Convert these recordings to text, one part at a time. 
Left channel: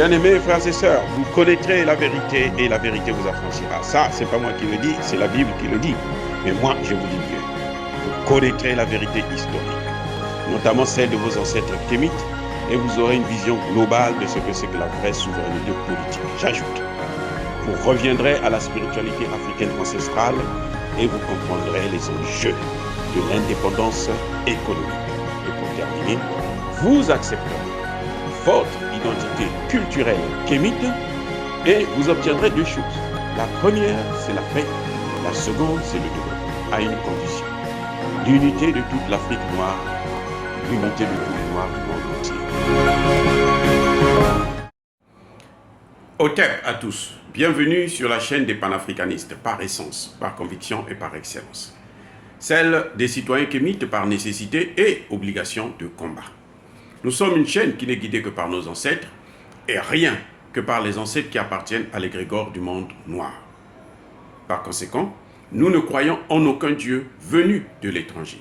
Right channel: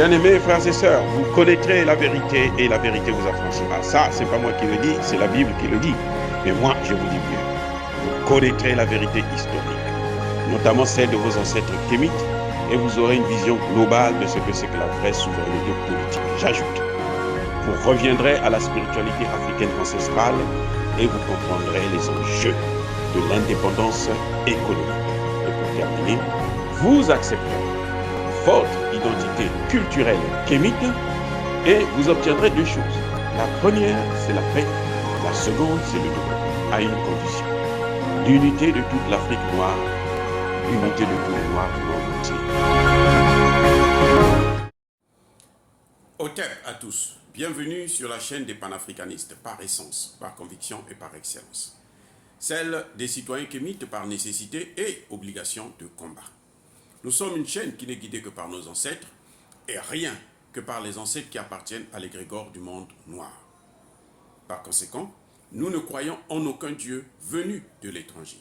Bien-aimés frères et sœurs, vous connaîtrez la vérité et la vérité vous affranchira. Ça, c'est pas moi qui le dis, c'est la Bible qui le dit. Mais moi, je vous dis mieux. Vous connaîtrez la vérité historique, notamment celle de vos ancêtres kémites, et vous aurez une vision globale de ce que c'est que la vraie souveraineté politique. J'ajoute, vous reviendrez à la spiritualité africaine ancestrale et vous comprendrez les enjeux de l'indépendance économique. Et pour terminer, vous accepterez votre identité culturelle kémite et vous obtiendrez deux choses. La première, c'est la paix. La seconde, c'est le développement, à une condition. L'unité de toute l'Afrique noire, l'unité de tous les Noirs du monde entier. Otep à tous. Bienvenue sur la chaîne des panafricanistes, par essence, par conviction et par excellence. Celle des citoyens kémites par nécessité et obligation de combat. Nous sommes une chaîne qui n'est guidée que par nos ancêtres et rien que par les ancêtres qui appartiennent à l'égrégore du monde noir. Par conséquent, nous ne croyons en aucun Dieu venu de l'étranger.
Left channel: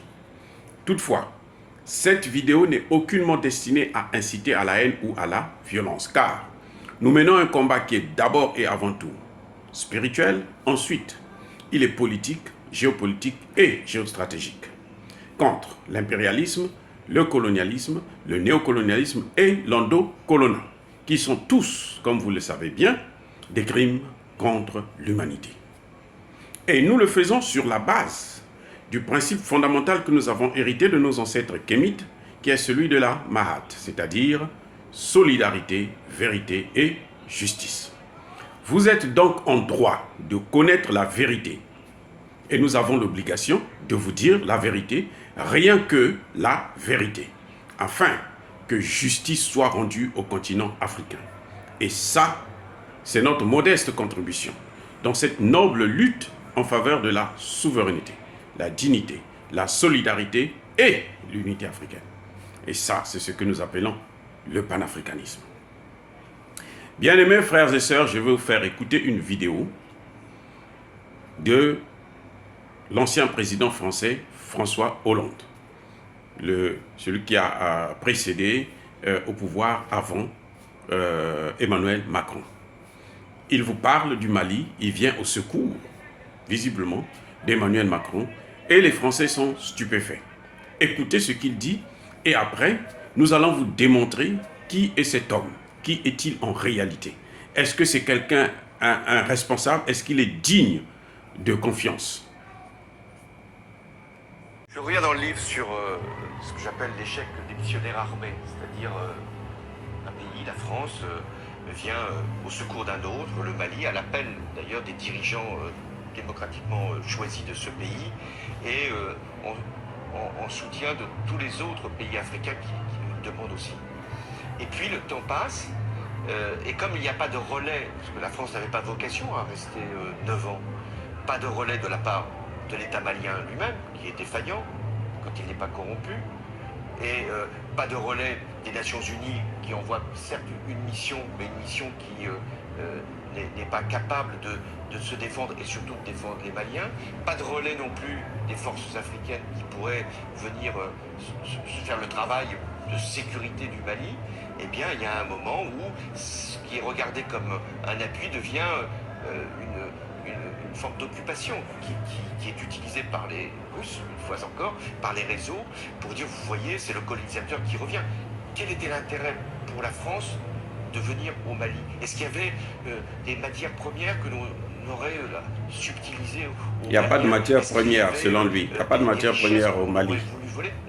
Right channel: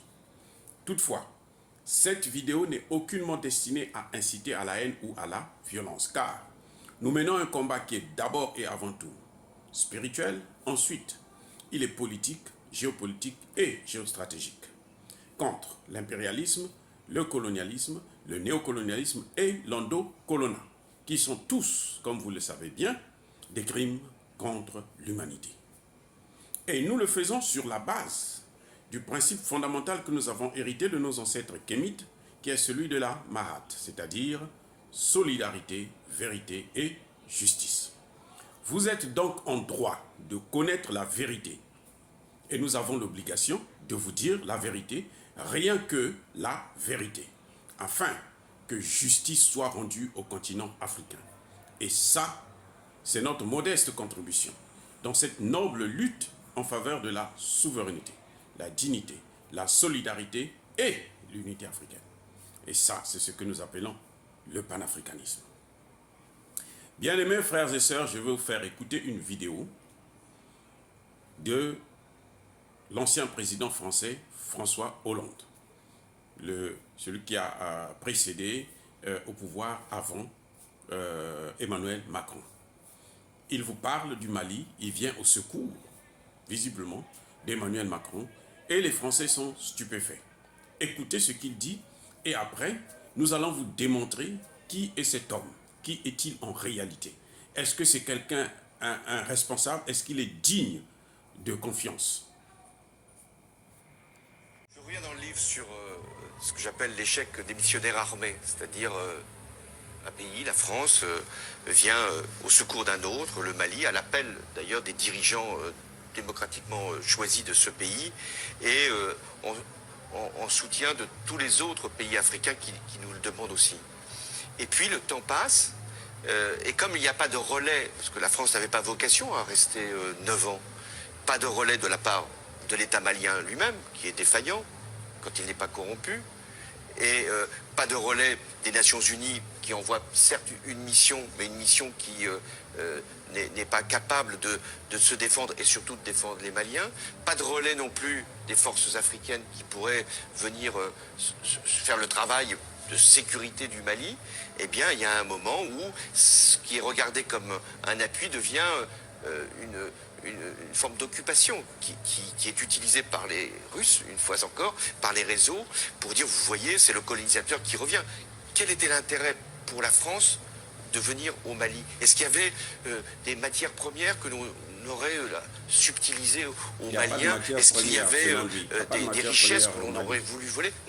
Toutefois, cette vidéo n'est aucunement destinée à inciter à la haine ou à la violence, car nous menons un combat qui est d'abord et avant tout spirituel, ensuite il est politique, géopolitique et géostratégique, contre l'impérialisme, le colonialisme, le néocolonialisme et l'endocolonat, qui sont tous, comme vous le savez bien, des crimes contre l'humanité. Et nous le faisons sur la base du principe fondamental que nous avons hérité de nos ancêtres kémites, qui est celui de la Mahat, c'est-à-dire solidarité, vérité et justice. Vous êtes donc en droit de connaître la vérité. Et nous avons l'obligation de vous dire la vérité, rien que la vérité, afin que justice soit rendue au continent africain. Et ça, c'est notre modeste contribution dans cette noble lutte en faveur de la souveraineté, la dignité, la solidarité et l'unité africaine. Et ça, c'est ce que nous appelons le panafricanisme. Bien-aimés frères et sœurs, je vais vous faire écouter une vidéo de l'ancien président français François Hollande, celui qui a précédé au pouvoir avant Emmanuel Macron. Il vous parle du Mali, il vient au secours, visiblement, d'Emmanuel Macron, et les Français sont stupéfaits. Écoutez ce qu'il dit, et après, nous allons vous démontrer qui est cet homme, qui est-il en réalité. Est-ce que c'est quelqu'un, un responsable, est-ce qu'il est digne de confiance? Je reviens dans le livre sur ce que j'appelle l'échec des missionnaires armés, c'est-à-dire un pays, la France, vient au secours d'un autre, le Mali, à l'appel d'ailleurs des dirigeants démocratiquement choisis de ce pays, et en soutien de tous les autres pays africains qui nous le demandent aussi. Et puis le temps passe, et comme il n'y a pas de relais, parce que la France n'avait pas vocation à rester 9 ans, pas de relais de la part de l'État malien lui-même, qui est défaillant quand il n'est pas corrompu, et pas de relais des Nations Unies qui envoie certes une mission, mais une mission qui n'est pas capable de se défendre et surtout de défendre les Maliens, pas de relais non plus des forces africaines qui pourraient venir faire le travail de sécurité du Mali. Eh bien, il y a un moment où ce qui est regardé comme un appui devient une forme d'occupation qui est utilisée par les Russes, une fois encore, par les réseaux, pour dire, vous voyez, c'est le colonisateur qui revient. Quel était l'intérêt pour la France de venir au Mali? Est-ce qu'il y avait des matières premières que l'on aurait subtilisées au Mali? Il n'y a pas de matière première, selon lui. Il n'y a pas de matière première au Mali.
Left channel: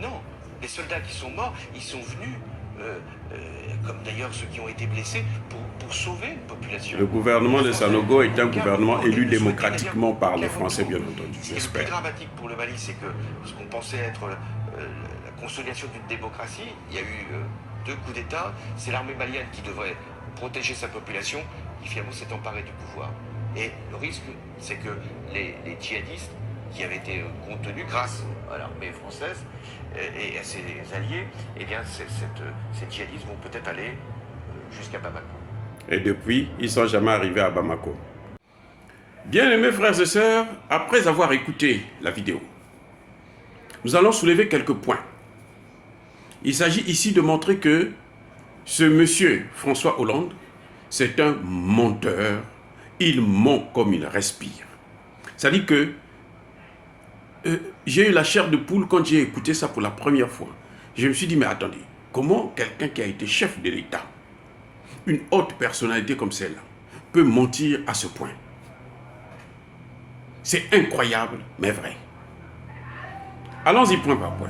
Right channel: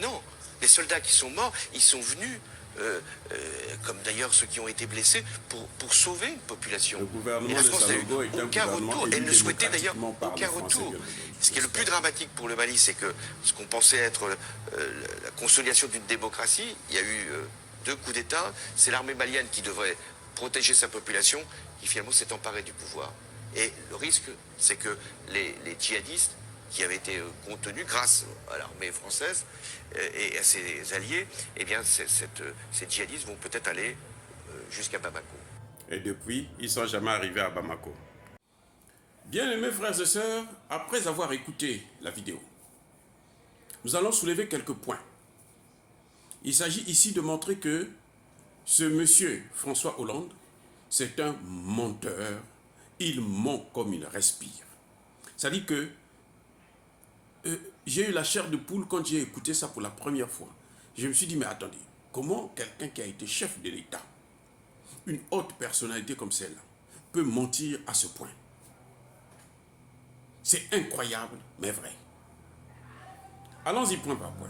Non, les soldats qui sont morts, ils sont venus, comme d'ailleurs ceux qui ont été blessés, pour sauver une population. Le gouvernement de Sanogo est un gouvernement élu démocratiquement par les Français, bien entendu. Ce qui est le plus dramatique pour le Mali, c'est que ce qu'on pensait être la consolidation d'une démocratie, il y a eu 2 coups d'État, c'est l'armée malienne qui devrait protéger sa population, qui finalement s'est emparée du pouvoir. Et le risque, c'est que les djihadistes, qui avaient été contenus grâce à l'armée française et à ses alliés, eh bien ces djihadistes vont peut-être aller jusqu'à Bamako. Et depuis, ils ne sont jamais arrivés à Bamako. Bien-aimés frères et sœurs, après avoir écouté la vidéo, nous allons soulever quelques points. Il s'agit ici de montrer que ce monsieur François Hollande c'est un menteur. Il ment comme il respire. Ça dit que j'ai eu la chair de poule quand j'ai écouté ça pour la première fois. Je me suis dit, mais attendez, comment quelqu'un qui a été chef de l'État, une haute personnalité comme celle-là, peut mentir à ce point? C'est incroyable, mais vrai. Allons-y point par point.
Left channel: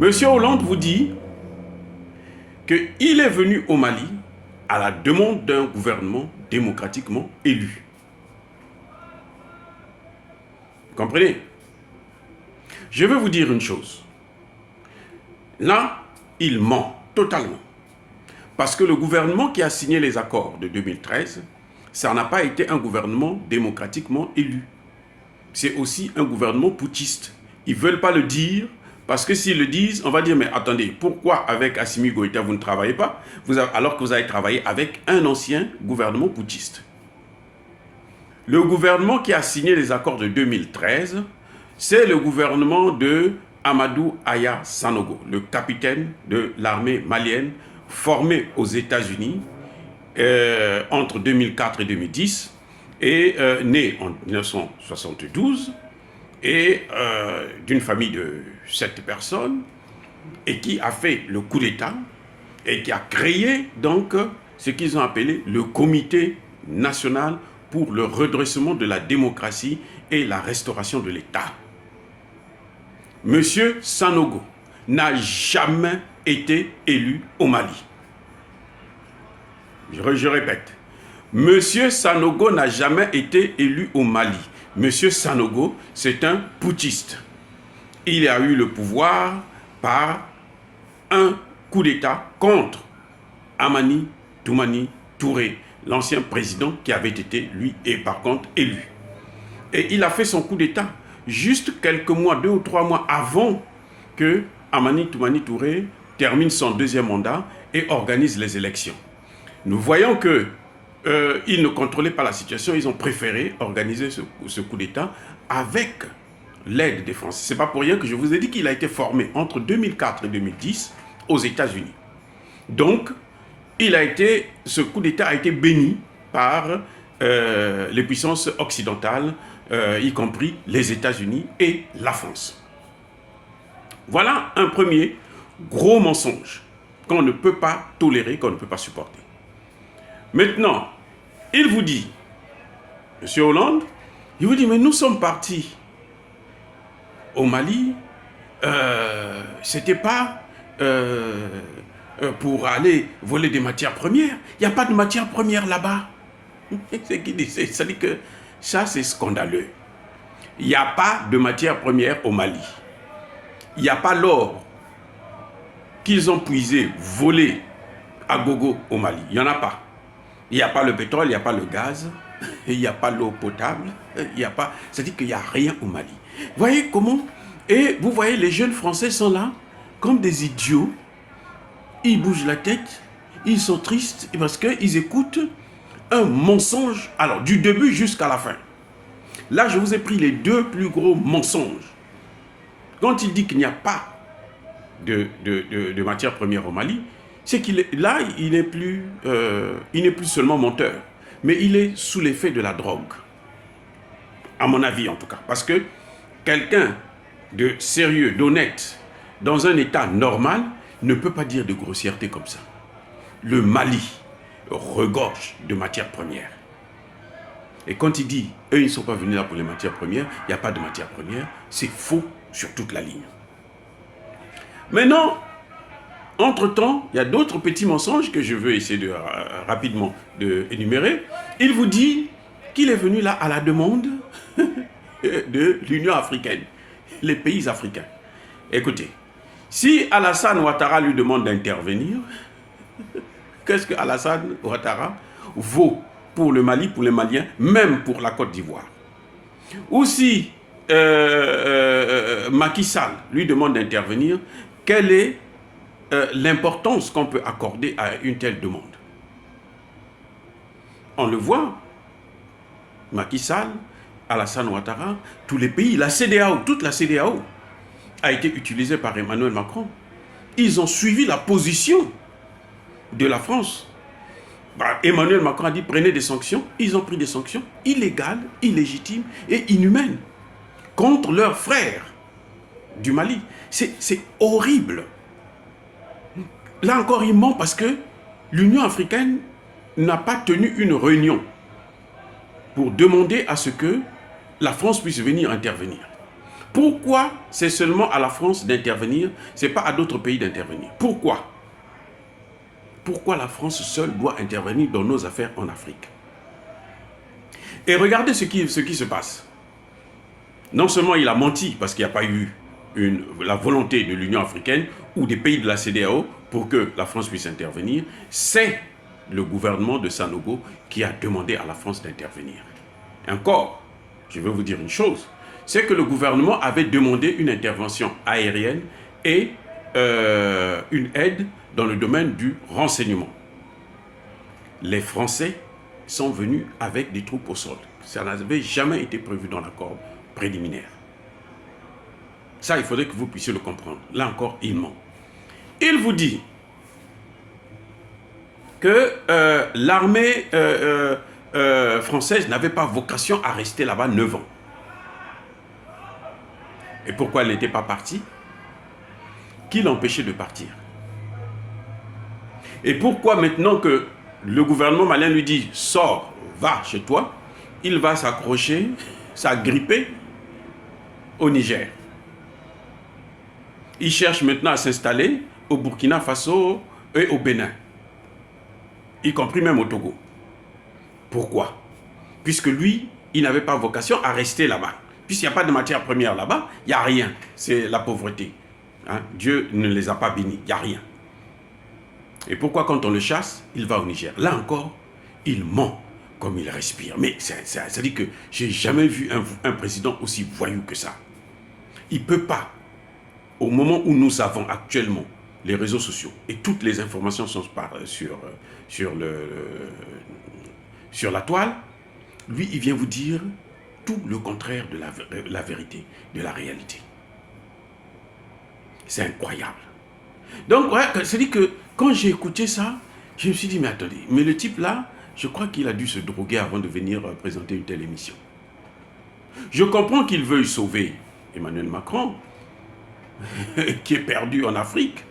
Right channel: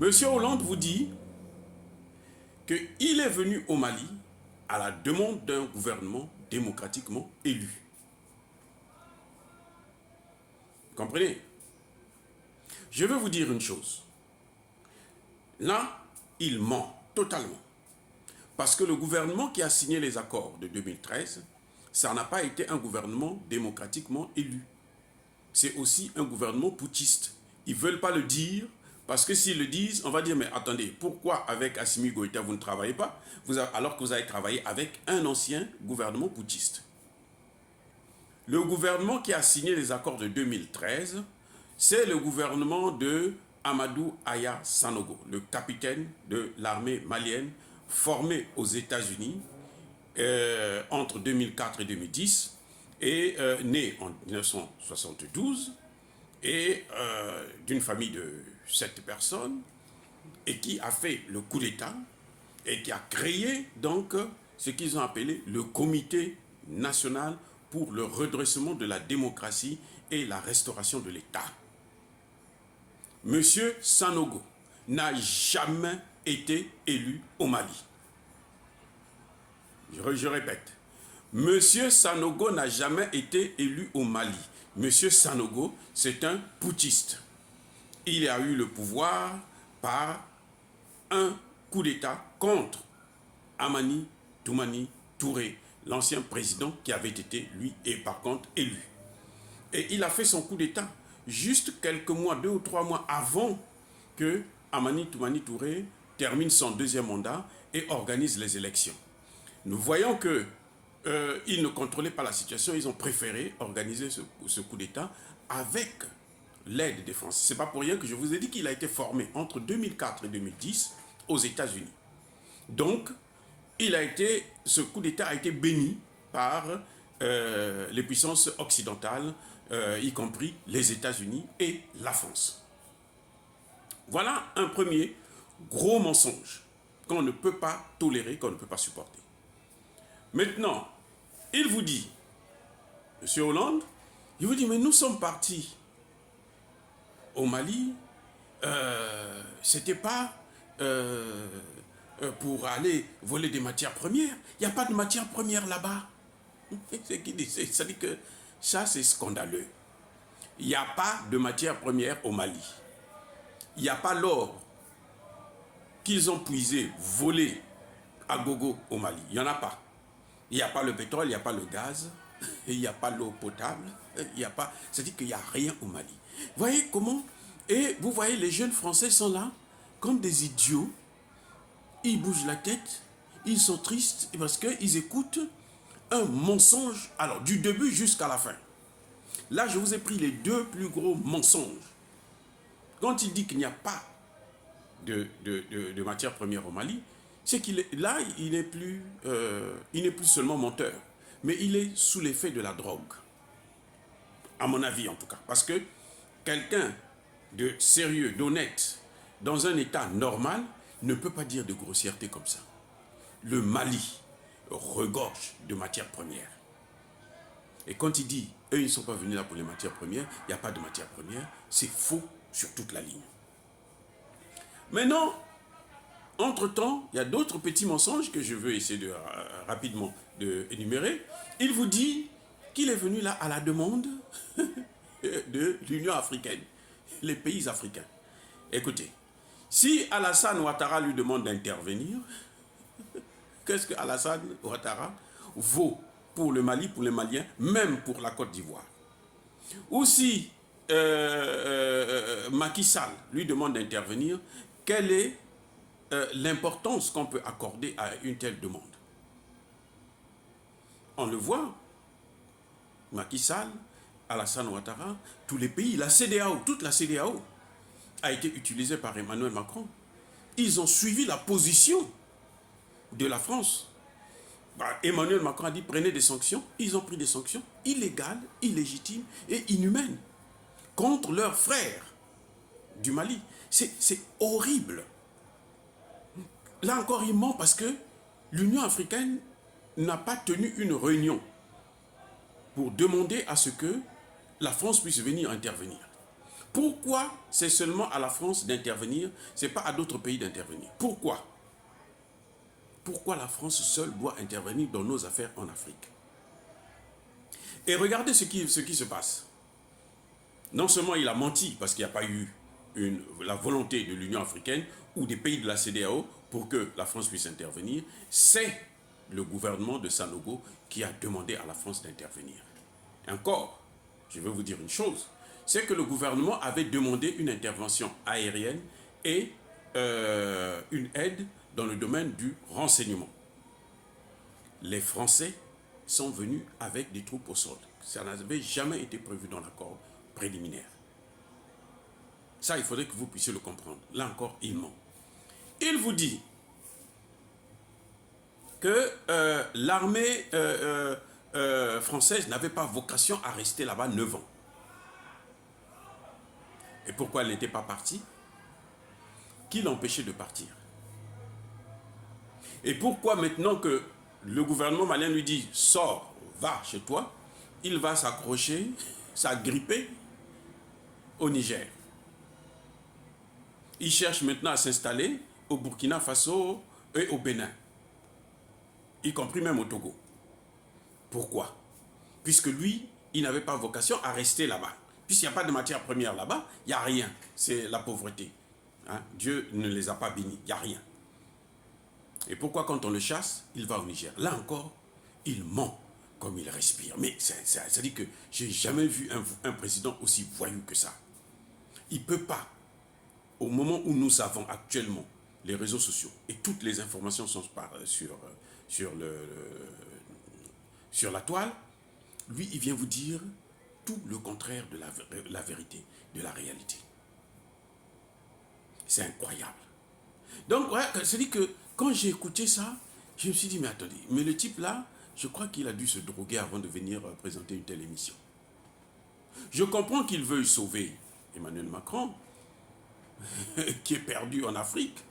Monsieur Hollande vous dit qu'il est venu au Mali à la demande d'un gouvernement démocratiquement élu. Vous comprenez? Je vais vous dire une chose. Là, il ment totalement. Parce que le gouvernement qui a signé les accords de 2013, ça n'a pas été un gouvernement démocratiquement élu. C'est aussi un gouvernement putschiste. Ils ne veulent pas le dire, parce que s'ils le disent, on va dire, mais attendez, pourquoi avec Assimi Goïta vous ne travaillez pas, alors que vous avez travaillé avec un ancien gouvernement putschiste? Le gouvernement qui a signé les accords de 2013, c'est le gouvernement de Amadou Aya Sanogo, le capitaine de l'armée malienne, formé aux États-Unis entre 2004 et 2010, et né en 1972, et d'une famille de 7 personnes, et qui a fait le coup d'État, et qui a créé donc ce qu'ils ont appelé le Comité national pour le redressement de la démocratie et la restauration de l'État. Monsieur Sanogo n'a jamais été élu au Mali. Je répète, Monsieur Sanogo n'a jamais été élu au Mali. Monsieur Sanogo, c'est un putschiste. Il a eu le pouvoir par un coup d'État contre Amani Toumani Touré, l'ancien président qui avait été, lui, et par contre, élu. Et il a fait son coup d'État juste quelques mois, 2 ou 3 mois avant que Amani Toumani Touré termine son 2e mandat et organise les élections. Nous voyons que ils ne contrôlaient pas la situation, ils ont préféré organiser ce coup d'État avec l'aide des Français. Ce n'est pas pour rien que je vous ai dit qu'il a été formé entre 2004 et 2010 aux États-Unis. Donc, ce coup d'État a été béni par les puissances occidentales, y compris les États-Unis et la France. Voilà un premier gros mensonge qu'on ne peut pas tolérer, qu'on ne peut pas supporter. Maintenant, il vous dit, Monsieur Hollande, il vous dit, mais nous sommes partis au Mali, c'était pas pour aller voler des matières premières. Il n'y a pas de matières premières là-bas. C'est qui dit, ça dit que ça, c'est scandaleux. Il n'y a pas de matières premières au Mali. Il n'y a pas l'or qu'ils ont puisé, volé à gogo au Mali. Il n'y en a pas. Il n'y a pas le pétrole, il n'y a pas le gaz, il n'y a pas l'eau potable, il n'y a pas... C'est-à-dire qu'il n'y a rien au Mali. Vous voyez comment? Et vous voyez, les jeunes Français sont là, comme des idiots. Ils bougent la tête, ils sont tristes, parce qu'ils écoutent un mensonge, alors du début jusqu'à la fin. Là, je vous ai pris les 2 plus gros mensonges. Quand il dit qu'il n'y a pas de matière première au Mali, c'est qu'il est là, il n'est plus seulement menteur, mais il est sous l'effet de la drogue. À mon avis, en tout cas. Parce que quelqu'un de sérieux, d'honnête, dans un état normal, ne peut pas dire de grossièreté comme ça. Le Mali regorge de matières premières. Et quand il dit, eux, ils ne sont pas venus là pour les matières premières, il n'y a pas de matières premières, c'est faux sur toute la ligne. Maintenant, entre-temps, il y a d'autres petits mensonges que je veux essayer rapidement d'énumérer. Il vous dit qu'il est venu là à la demande de l'Union africaine, les pays africains. Écoutez, si Alassane Ouattara lui demande d'intervenir, qu'est-ce que Alassane Ouattara vaut pour le Mali, pour les Maliens, même pour la Côte d'Ivoire? Ou si Macky Sall lui demande d'intervenir, quelle est l'importance qu'on peut accorder à une telle demande? On le voit, Macky Sall, Alassane Ouattara, tous les pays, la CEDEAO, toute la CEDEAO a été utilisée par Emmanuel Macron. Ils ont suivi la position de la France. Emmanuel Macron a dit prenez des sanctions. Ils ont pris des sanctions illégales, illégitimes et inhumaines contre leurs frères du Mali. C'est horrible. Là encore, il ment parce que l'Union africaine n'a pas tenu une réunion pour demander à ce que la France puisse venir intervenir. Pourquoi c'est seulement à la France d'intervenir, ce n'est pas à d'autres pays d'intervenir? Pourquoi? Pourquoi la France seule doit intervenir dans nos affaires en Afrique? Et regardez ce qui se passe. Non seulement il a menti parce qu'il n'y a pas eu la volonté de l'Union africaine ou des pays de la CEDEAO pour que la France puisse intervenir, c'est le gouvernement de Sanogo qui a demandé à la France d'intervenir. Encore, je veux vous dire une chose, c'est que le gouvernement avait demandé une intervention aérienne et une aide dans le domaine du renseignement. Les Français sont venus avec des troupes au sol. Ça n'avait jamais été prévu dans l'accord préliminaire. Ça, il faudrait que vous puissiez le comprendre. Là encore, il ment. Il vous dit que l'armée française n'avait pas vocation à rester là-bas 9 ans. Et pourquoi elle n'était pas partie? Qui l'empêchait de partir? Et pourquoi maintenant que le gouvernement malien lui dit « Sors, va chez toi », il va s'accrocher, s'agripper au Niger. Il cherche maintenant à s'installer au Burkina Faso et au Bénin, y compris même au Togo. Pourquoi? Puisque lui, il n'avait pas vocation à rester là-bas. Puisqu'il n'y a pas de matière première là-bas, il n'y a rien. C'est la pauvreté. Hein? Dieu ne les a pas bénis, il n'y a rien. Et pourquoi quand on le chasse, il va au Niger? Là encore, il ment comme il respire. Mais ça dit que j'ai jamais vu un président aussi voyou que ça. Il ne peut pas, au moment où nous avons actuellement les réseaux sociaux et toutes les informations sont sur la toile, lui, il vient vous dire tout le contraire de la vérité, de la réalité. C'est incroyable. Donc, ouais, c'est-à-dire que quand j'ai écouté ça, je me suis dit, mais attendez, mais le type là, je crois qu'il a dû se droguer avant de venir présenter une telle émission. Je comprends qu'il veuille sauver Emmanuel Macron, qui est perdu en Afrique,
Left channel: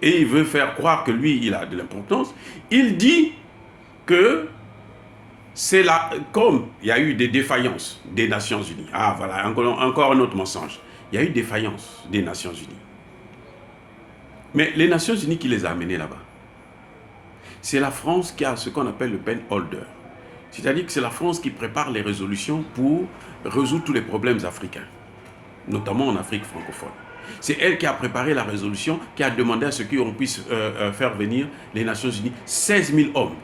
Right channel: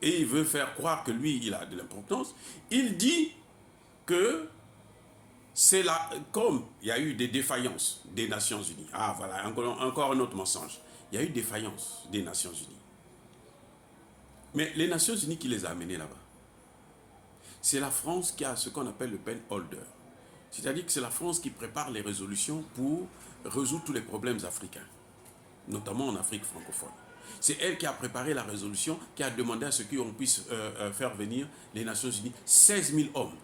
et il veut faire croire que lui, il a de l'importance. Il dit que c'est là, comme il y a eu des défaillances des Nations Unies. Ah voilà, encore un autre mensonge. Il y a eu défaillance des Nations Unies. Mais les Nations Unies qui les a amenés là-bas, c'est la France qui a ce qu'on appelle le pen holder. C'est-à-dire que c'est la France qui prépare les résolutions pour résoudre tous les problèmes africains, notamment en Afrique francophone. C'est elle qui a préparé la résolution, qui a demandé à ce qu'on puisse faire venir les Nations Unies 16 000 hommes.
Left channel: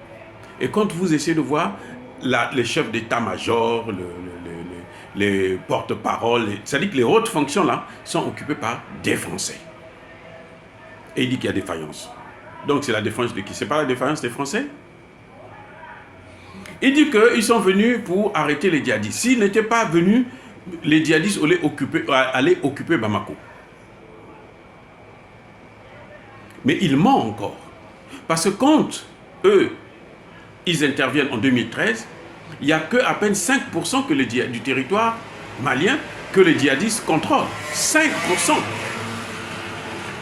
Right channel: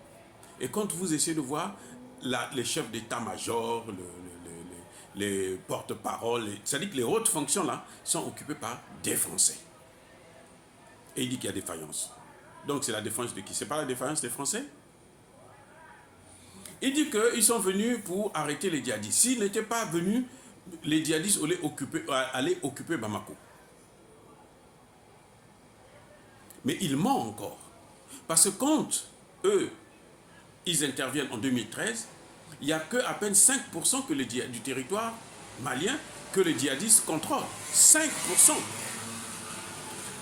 Et quand vous essayez de voir les chefs d'état-major, les porte-paroles, c'est-à-dire que les hautes fonctions là sont occupées par des Français. Et il dit qu'il y a défaillance. Donc c'est la défense de qui? C'est pas la défaillance des Français? Il dit qu'ils sont venus pour arrêter les djihadistes. S'ils n'étaient pas venus, les djihadistes allaient occuper Bamako. Mais il ment encore. Parce que quand eux, ils interviennent en 2013, il n'y a qu'à peine 5% du territoire malien que les djihadistes contrôlent. 5%.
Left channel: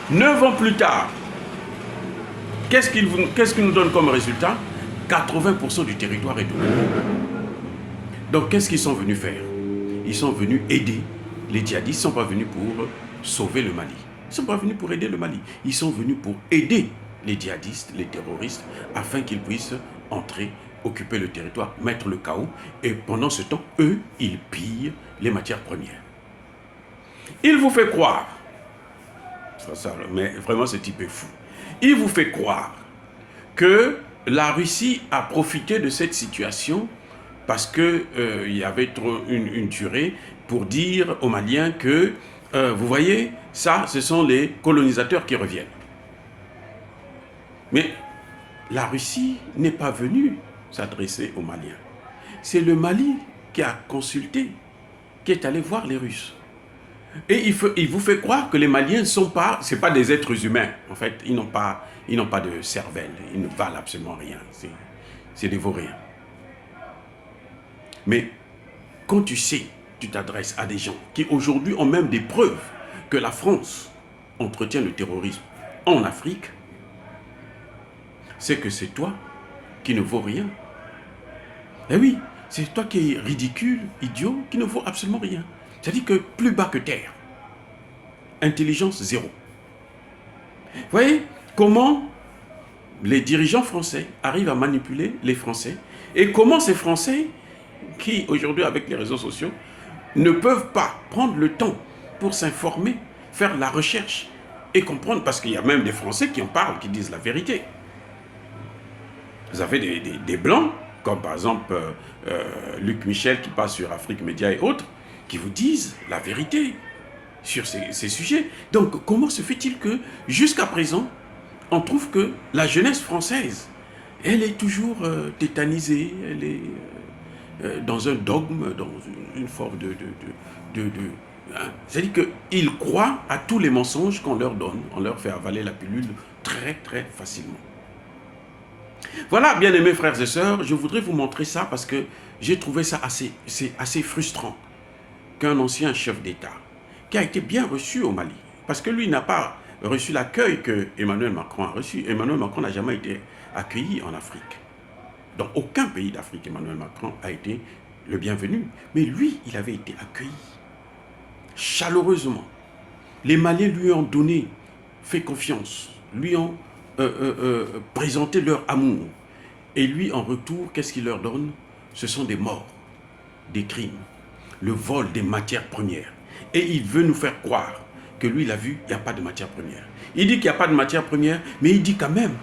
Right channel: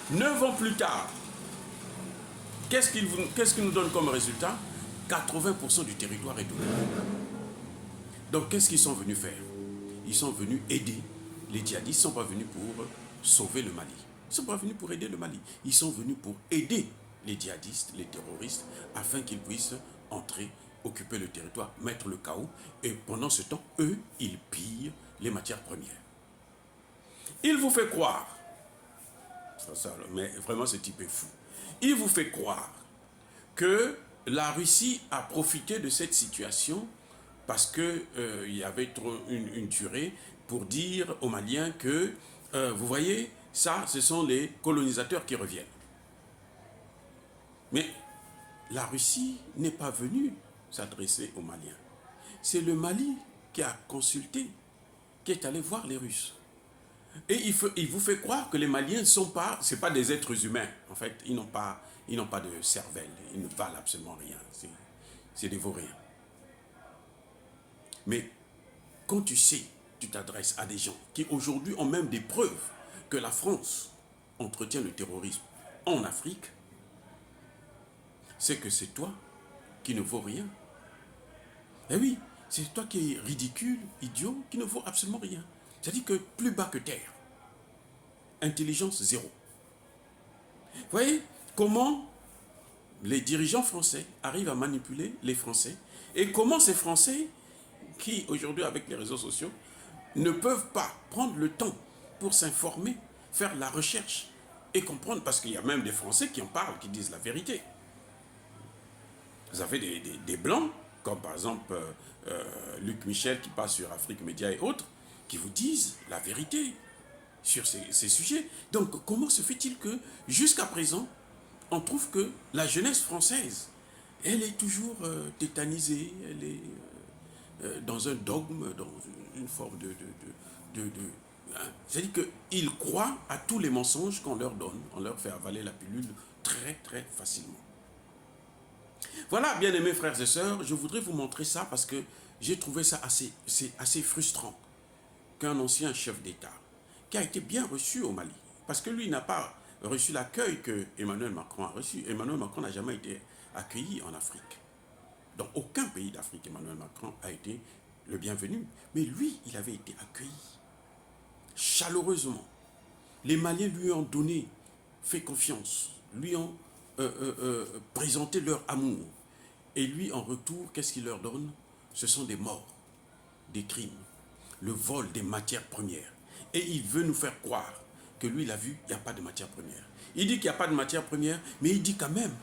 9 ans plus tard, qu'est-ce qu'il nous donne comme résultat? 80% du territoire est occupé. Donc qu'est-ce qu'ils sont venus faire? Ils sont venus aider les djihadistes. Ils ne sont pas venus pour sauver le Mali. Ils ne sont pas venus pour aider le Mali. Ils sont venus pour aider les djihadistes, les terroristes, afin qu'ils puissent entrer, occuper le territoire, mettre le chaos. Et pendant ce temps, eux, ils pillent les matières premières. Il vous fait croire, mais vraiment ce type est fou, il vous fait croire que la Russie a profité de cette situation parce qu'il y avait trop une durée pour dire aux Maliens que, vous voyez, ça, ce sont les colonisateurs qui reviennent. Mais la Russie n'est pas venue s'adresser aux Maliens. C'est le Mali qui a consulté, qui est allé voir les Russes. Et il vous fait croire que les Maliens ne sont pas, c'est pas des êtres humains. En fait, ils n'ont pas de cervelle, ils ne valent absolument rien. c'est des vauriens. Mais quand tu sais, tu t'adresses à des gens qui aujourd'hui ont même des preuves que la France entretient le terrorisme en Afrique, c'est que c'est toi qui ne vaut rien. Eh oui, c'est toi qui es ridicule, idiot, qui ne vaut absolument rien. C'est-à-dire que plus bas que terre. Intelligence zéro. Vous voyez comment les dirigeants français arrivent à manipuler les Français et comment ces Français qui, aujourd'hui, avec les réseaux sociaux, ne peuvent pas prendre le temps pour s'informer, faire la recherche et comprendre, parce qu'il y a même des Français qui en parlent, qui disent la vérité. Vous avez des Blancs, comme par exemple Luc Michel qui passe sur Afrique Média et autres, qui vous disent la vérité sur ces sujets. Donc, comment se fait-il que, jusqu'à présent, on trouve que la jeunesse française, elle est toujours tétanisée, elle est dans un dogme, dans une forme hein. C'est-à-dire qu'ils croient à tous les mensonges qu'on leur donne, on leur fait avaler la pilule très très facilement. Voilà, bien aimés frères et sœurs, je voudrais vous montrer ça parce que j'ai trouvé ça assez frustrant qu'un ancien chef d'État, qui a été bien reçu au Mali, parce que lui n'a pas reçu l'accueil que Emmanuel Macron a reçu. Emmanuel Macron n'a jamais été accueilli en Afrique. Dans aucun pays d'Afrique, Emmanuel Macron a été le bienvenu. Mais lui, il avait été accueilli chaleureusement. Les Maliens lui ont donné, fait confiance, lui ont présenté leur amour. Et lui, en retour, qu'est-ce qu'il leur donne? Ce sont des morts, des crimes, le vol des matières premières. Et il veut nous faire croire que lui, il a vu, il n'y a pas de matières premières. Il dit qu'il n'y a pas de matières premières, mais il dit quand même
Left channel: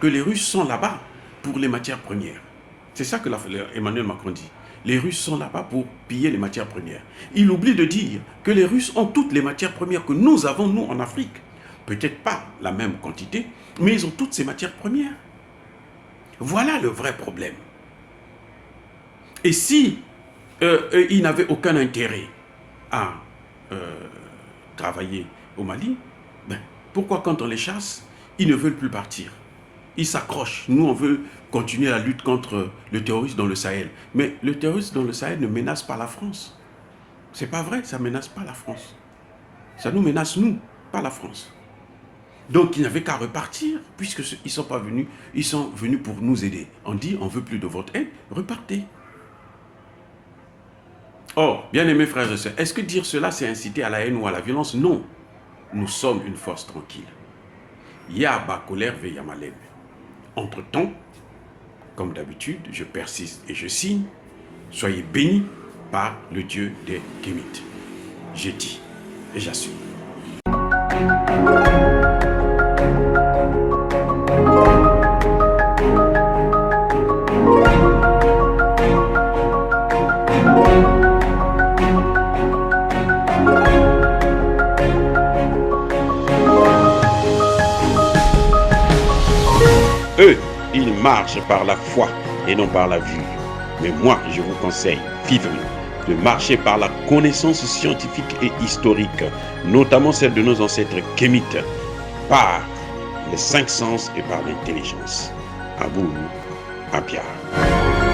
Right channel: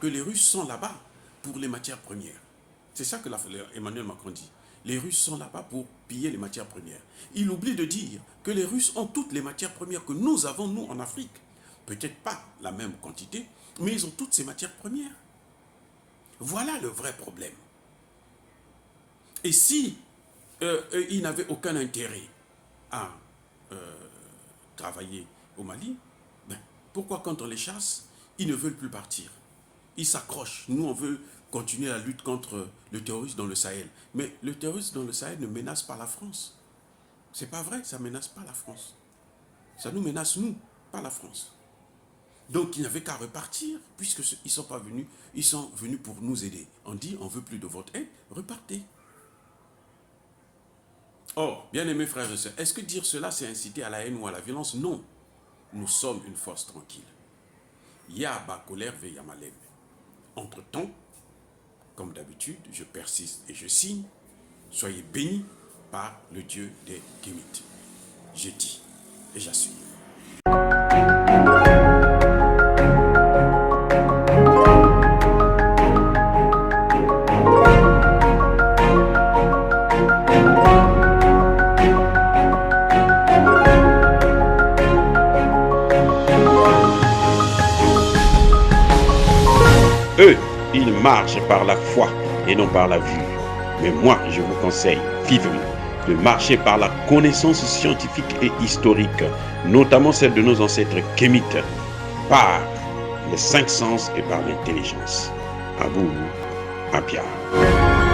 que les Russes sont là-bas pour les matières premières. C'est ça que Emmanuel Macron dit. Les Russes sont là-bas pour piller les matières premières. Il oublie de dire que les Russes ont toutes les matières premières que nous avons, nous, en Afrique. Peut-être pas la même quantité, mais ils ont toutes ces matières premières. Voilà le vrai problème. Et si ils n'avaient aucun intérêt à travailler au Mali, ben, pourquoi quand on les chasse, ils ne veulent plus partir? Ils s'accrochent. Nous, on veut continuer la lutte contre le terrorisme dans le Sahel. Mais le terrorisme dans le Sahel ne menace pas la France. C'est pas vrai, ça ne menace pas la France. Ça nous menace, nous, pas la France. Donc, ils n'avaient qu'à repartir, puisqu'ils ne sont pas venus, ils sont venus pour nous aider. On dit, on ne veut plus de votre aide, repartez. Or, bien-aimés frères et sœurs, est-ce que dire cela, c'est inciter à la haine ou à la violence? Non. Nous sommes une force tranquille. Yaba colère ve yamalem. Entre-temps, comme d'habitude, je persiste et je signe. Soyez bénis par le Dieu des Kémites. J'ai dit et j'assume. Eux, ils marchent par la foi et non par la vue. Mais moi, je vous conseille vivement de marcher par la connaissance scientifique et historique, notamment celle de nos ancêtres kémites, par les 5 sens et par l'intelligence. À vous, à Pierre.